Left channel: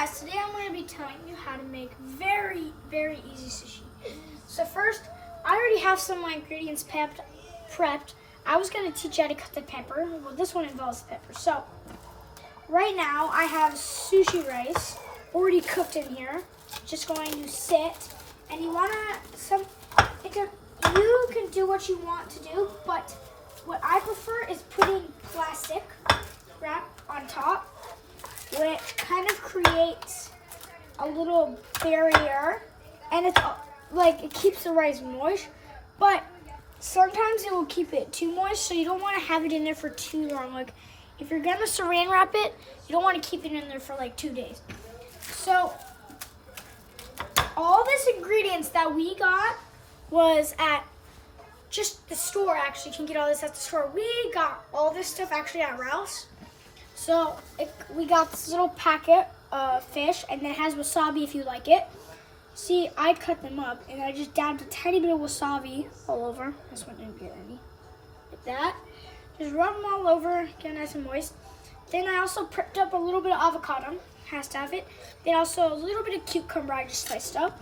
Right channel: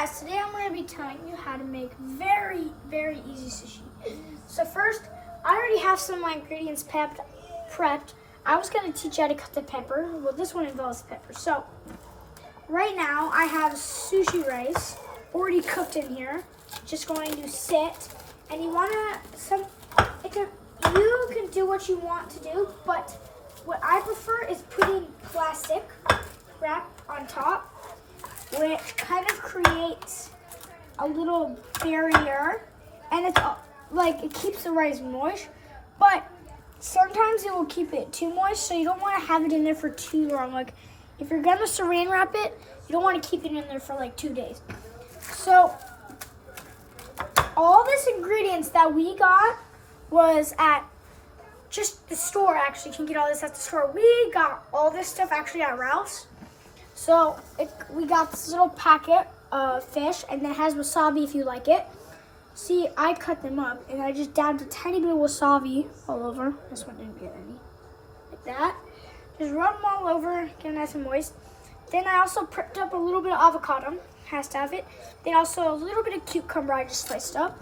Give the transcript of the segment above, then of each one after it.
guys, today I'm going to be telling you how to make very, very easy sushi. So first, I already have some of my ingredients prepped. I was going to teach you how to cut the pepper. Well, this one involves pepper. So right now I have sushi rice already cooked in here. Just going to sit, and you want to you can do what you want to do, but what I prefer is putting plastic wrap on top, which kind of creates a little barrier, and it's like it keeps the rice moist, but sometimes it will keep it too moist, so you don't want to have it in there for too long. Like if you're gonna saran wrap it, you don't want to keep it in there for like 2 days. So all this ingredients that we got was at just the store. Actually, you can get all this at the store. We got all this stuff actually at Ralph's. So we got this little packet of fish, and it has wasabi if you like it. See, I cut them up, and I just dabbed a tiny bit of wasabi all over. This one didn't get any. Like that. Just rub them all over, get it nice and moist. Then I also prepped up a little bit of avocado. Has to have it. Then also a little bit of cucumber I just sliced up.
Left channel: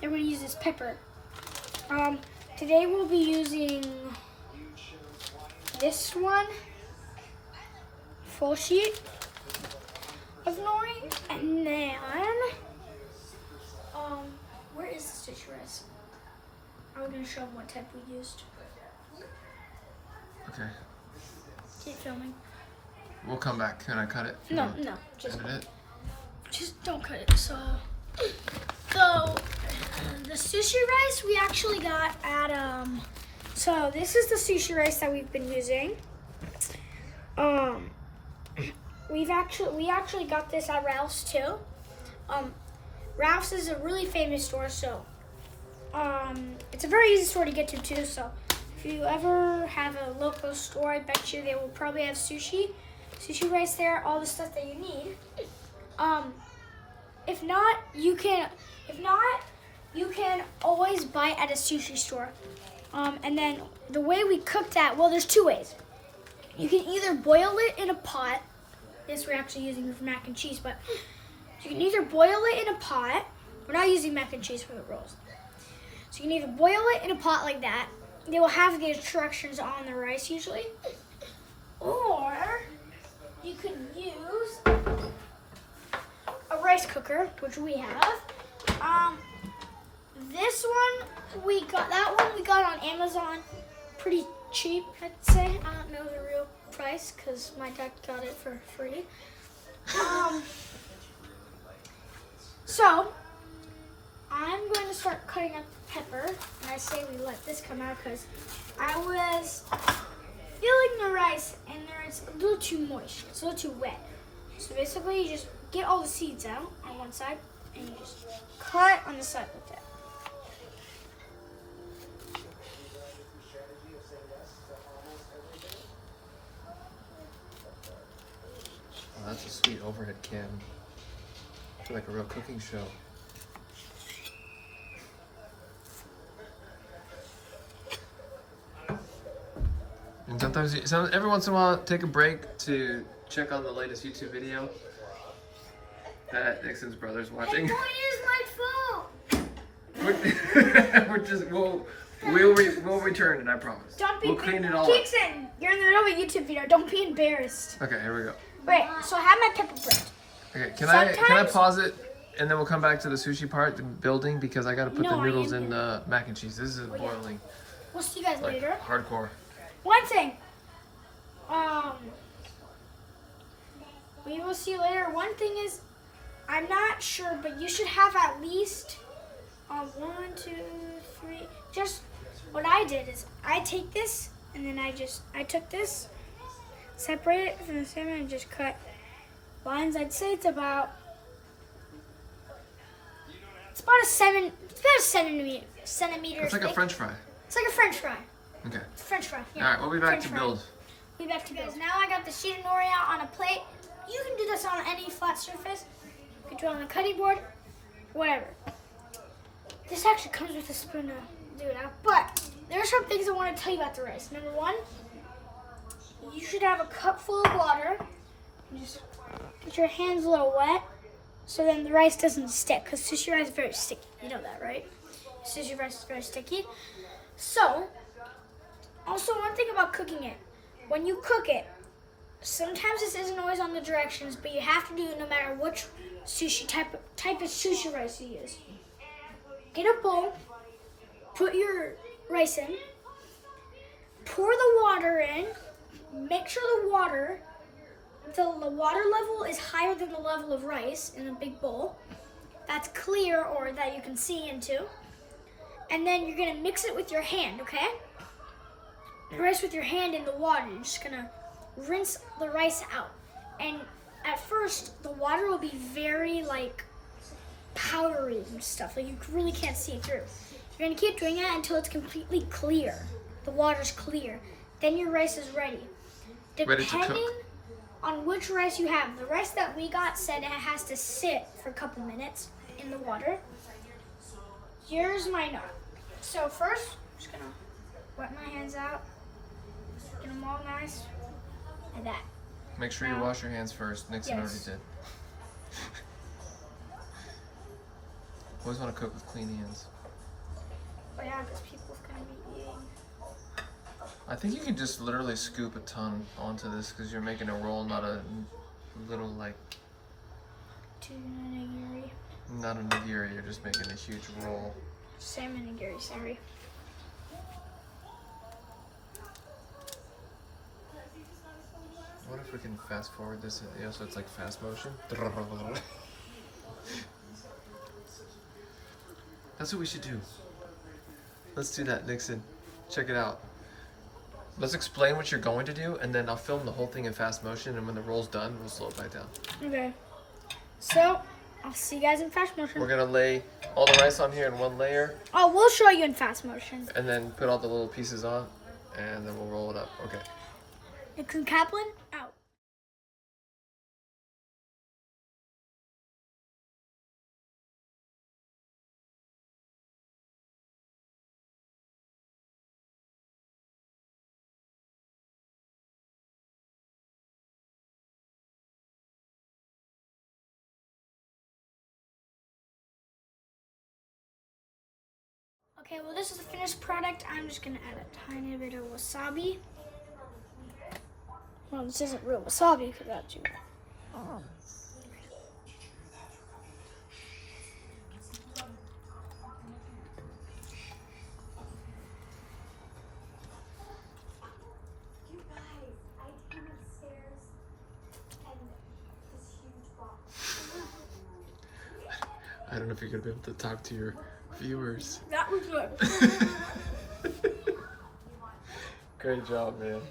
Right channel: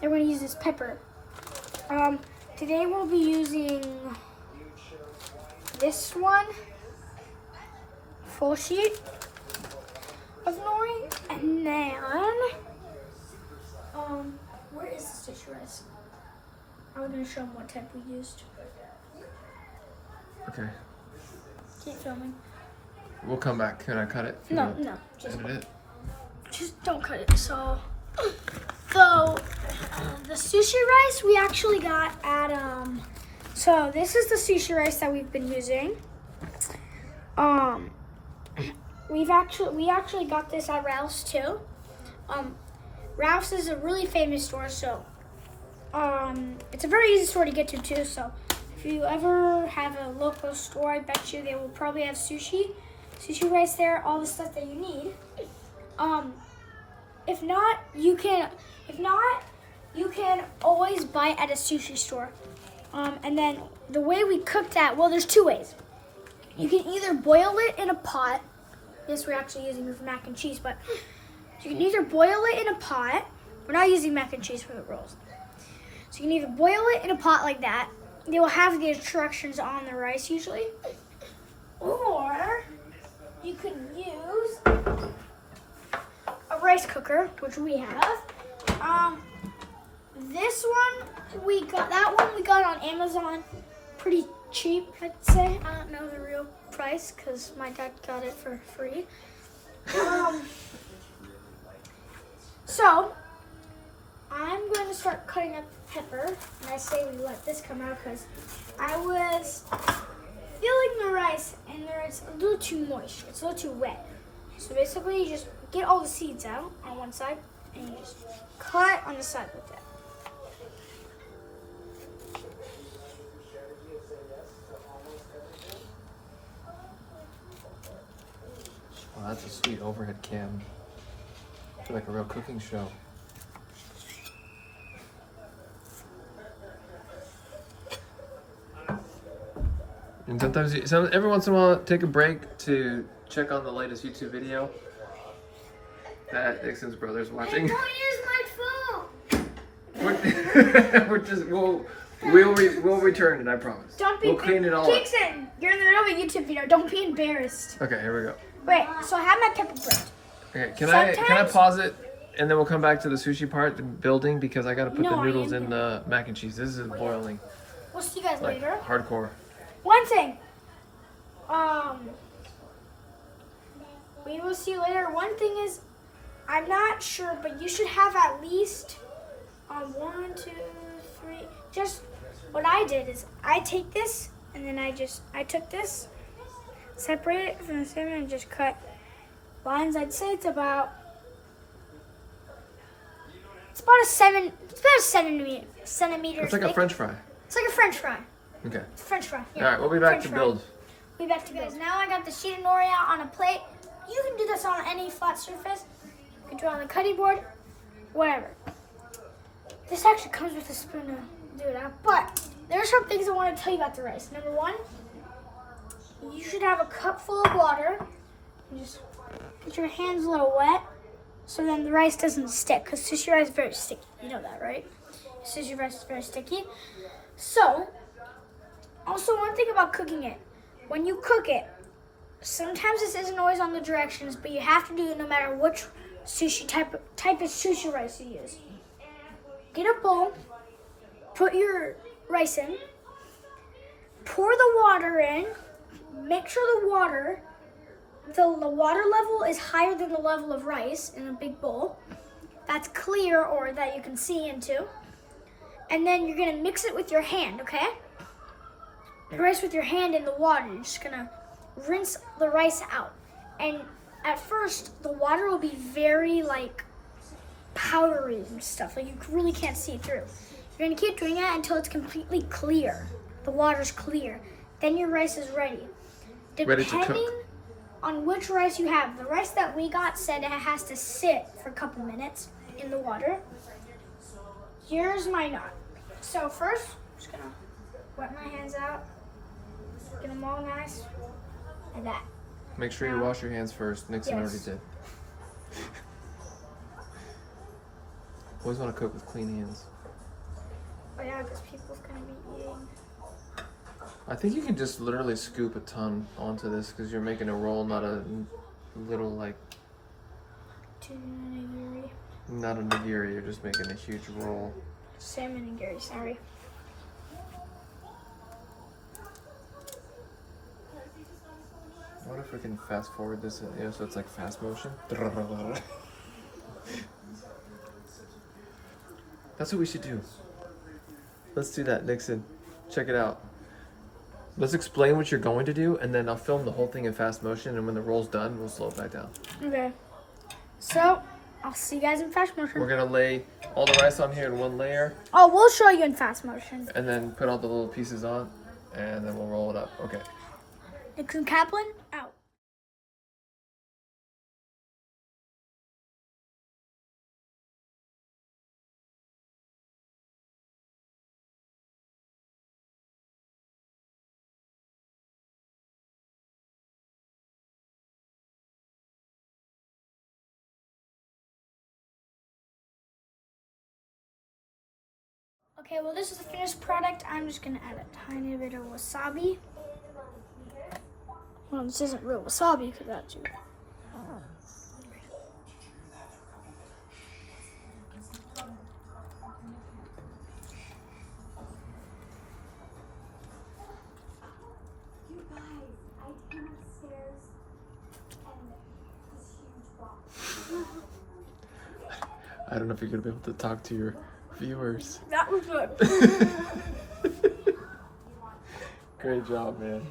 Then we're going to use this pepper. Today we'll be using this one. Full sheet of nori, and then where is the sushi rice? I was gonna show them what type we used. Okay. Keep filming. We'll come back. Can I cut it? No, just don't cut it. So the sushi rice we actually got at so this is the sushi rice that we've been using. We actually got this at Ralph's too. Ralph's is a really famous store, so it's a very easy store to get to too. So if you ever have a local store, I bet you they will probably have sushi rice there, all the stuff that you need. If not, you can always buy it at a sushi store. And then the way we cook that, well, there's 2 ways. You can either boil it in a pot. This we're actually using for mac and cheese, but you can either boil it in a pot. We're not using mac and cheese for the rolls. So you can either boil it in a pot like that. They will have the instructions on the rice usually. Or you can use a rice cooker, which we have. This one we got on Amazon, pretty cheap, I'd say. I don't know the real price because my dad got it for free. So I'm going to start cutting up the pepper, and I say we let this come out because I was feeling the rice and it's a little too moist. It's a little too wet. So basically, you just get all the seeds out on one side, and you just cut on the side with that. Oh, that's a sweet overhead cam. I feel like a real cooking show. And every once in a while, take a break to check on the latest YouTube video that Nixon's brother's watching. Hey, don't use my phone! We'll return it, I promise. We'll clean it all up. Nixon, you're in the middle of a YouTube video. Don't be embarrassed. Okay, here we go. Wait, so I have my pepper prepped. Okay, can I pause it and then we'll come back to the sushi part, the building, because I gotta put the noodles in the mac and cheese. This is boiling. We'll see you guys later. Hardcore. One thing. We will see you later. One thing is, I'm not sure, but you should have at least 1, 2, 3. Just what I did is I take this and then I took this, separate it from the salmon, and just cut lines. I'd say it's about a 7 centimeter. It's like a French fry. It's like a French fry. Okay. It's a French fry. Yeah. All right, we'll be back to build. We'll be back to build. Now I got the sheet of nori out on a plate. You can do this on any flat surface. You can do it on the cutting board, whatever. This actually comes with a spoon to do it out. But there are some things I want to tell you about the rice. Number 1, you should have a cup full of water. You just get your hands a little wet. so then the rice doesn't stick, because sushi rice is very sticky. You know that, right? Sushi rice is very sticky. So, also one thing about cooking it, when you cook it, sometimes this isn't always on the directions, but you have to do it no matter which sushi type of sushi rice you use. Get a bowl, put your rice in, pour the water in, make sure the water level is higher than the level of rice in a big bowl. That's clear or that you can see into. And then you're gonna mix it with your hand, okay? The rice with your hand in the water. You're just gonna rinse the rice out. And at first, the water will be very like powdery and stuff. Like you really can't see it through. You're gonna keep doing that until it's completely clear. The water's clear. Then your rice is ready. Ready to cook. Depending on which rice you have. The rice that we got said it has to sit for a couple minutes in the water. Yours might not. So first, I'm just gonna wet my hands out. Get them all nice. Like that. Make sure you wash your hands first. Nixon Yes. already did. Always want to cook with clean hands. Oh yeah, because people's gonna be eating. I think you can just literally scoop a ton onto this because you're making a roll, not a little like. Nigiri. Not a nigiri. You're just making a huge roll. Salmon nigiri, sorry. What if we can fast forward this, so it's like fast motion? That's what we should do. Let's do that, Nixon. Check it out. Let's explain what you're going to do, and then I'll film the whole thing in fast motion, and when the roll's done, we'll slow it back down. Okay. So, I'll see you guys in fast motion. We're gonna lay all the rice on here in one layer, Oh, we'll show you in fast motion. and then put all the little pieces on, and then we'll roll it up. Okay. Nixon Kaplan, out. Okay, well this is the finished product. I'm just gonna add a tiny bit of wasabi. Well, this isn't real wasabi because that's you. You guys, I came upstairs and this huge box. I don't know if you're gonna be able to talk to your viewers. That was good. Great job, man.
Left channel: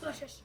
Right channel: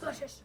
Delicious.